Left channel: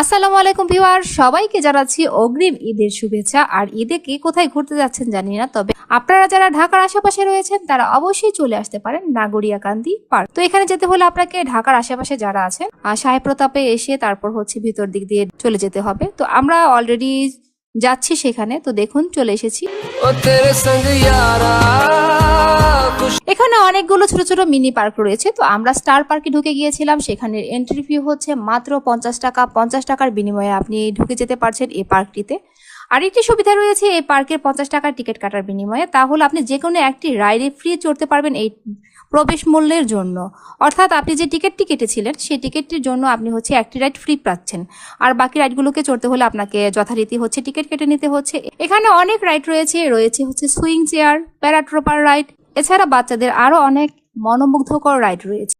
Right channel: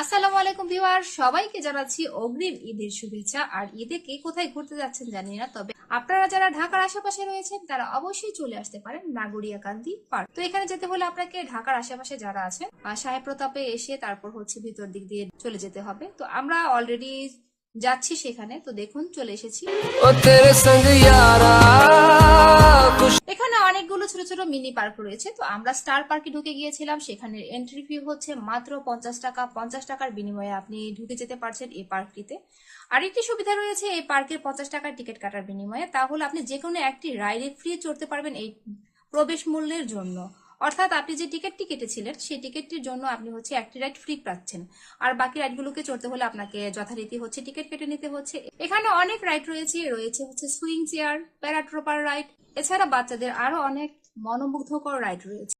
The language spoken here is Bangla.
আসসালামু আলাইকুম ভিউয়ার, সবাইকে জানাচ্ছি অগ্রিম ঈদের শুভেচ্ছা। আর ঈদে কে কোথায় ঘুরতে যাচ্ছেন জানি না, তবে আপনারা যারা ঢাকার আশেপাশে রয়েছেন তারা অবশ্যই চলে আসতে পারেন নাগরিয়াকান্দি পার্ক। তো এখানে যেতে হলে আপনাকে ঢাকার আশেপাশে যারা আছেন সাহেব প্রতাপে এসে তারপর ভিতর দিক দিয়ে চলে যেতে হবে। তো আমরা অলরেডি যাচ্ছি সেখানে, তো দেখুন চলে এসেছি। এখানে অনেকগুলো ছোট ছোট মিনি পার্ক রয়েছে। তো আমরা স্টার পার্কে ঢুকে গিয়েছিলাম। সেখানে এন্ট্রি ফি হচ্ছে মাত্র 50 টাকা। 50 টাকার বিনিময়ে আপনি ঢুকে যেতে পারছেন এই পার্কটিতে। আরেকটি সুবিধা রয়েছে এই পার্কের 50 টাকার টিকিট কাটার বিনিময়ে, তাহলে আপনি যে কোনো একটি রাইডে ফ্রি চড়তে পারবেন এই প্রবেশ মূল্যের জন্য। অর্থাৎ আপনি যে টিকিটটি কেটেছিলেন সেই টিকিটটির জন্য আপনি একটি রাইড ফ্রি পাচ্ছেন। আর বাকি রাইডগুলোকে চড়তে হলে আপনাকে যথারীতি টিকিট কেটে নিতে হচ্ছে। এখানে অনেক রাইড রয়েছে রয়েছে সুইং চেয়ার, প্যারাট্রপার রাইড, এছাড়া বাচ্চাদের আরো অনেক মনোমুগ্ধকর রাইড রয়েছে।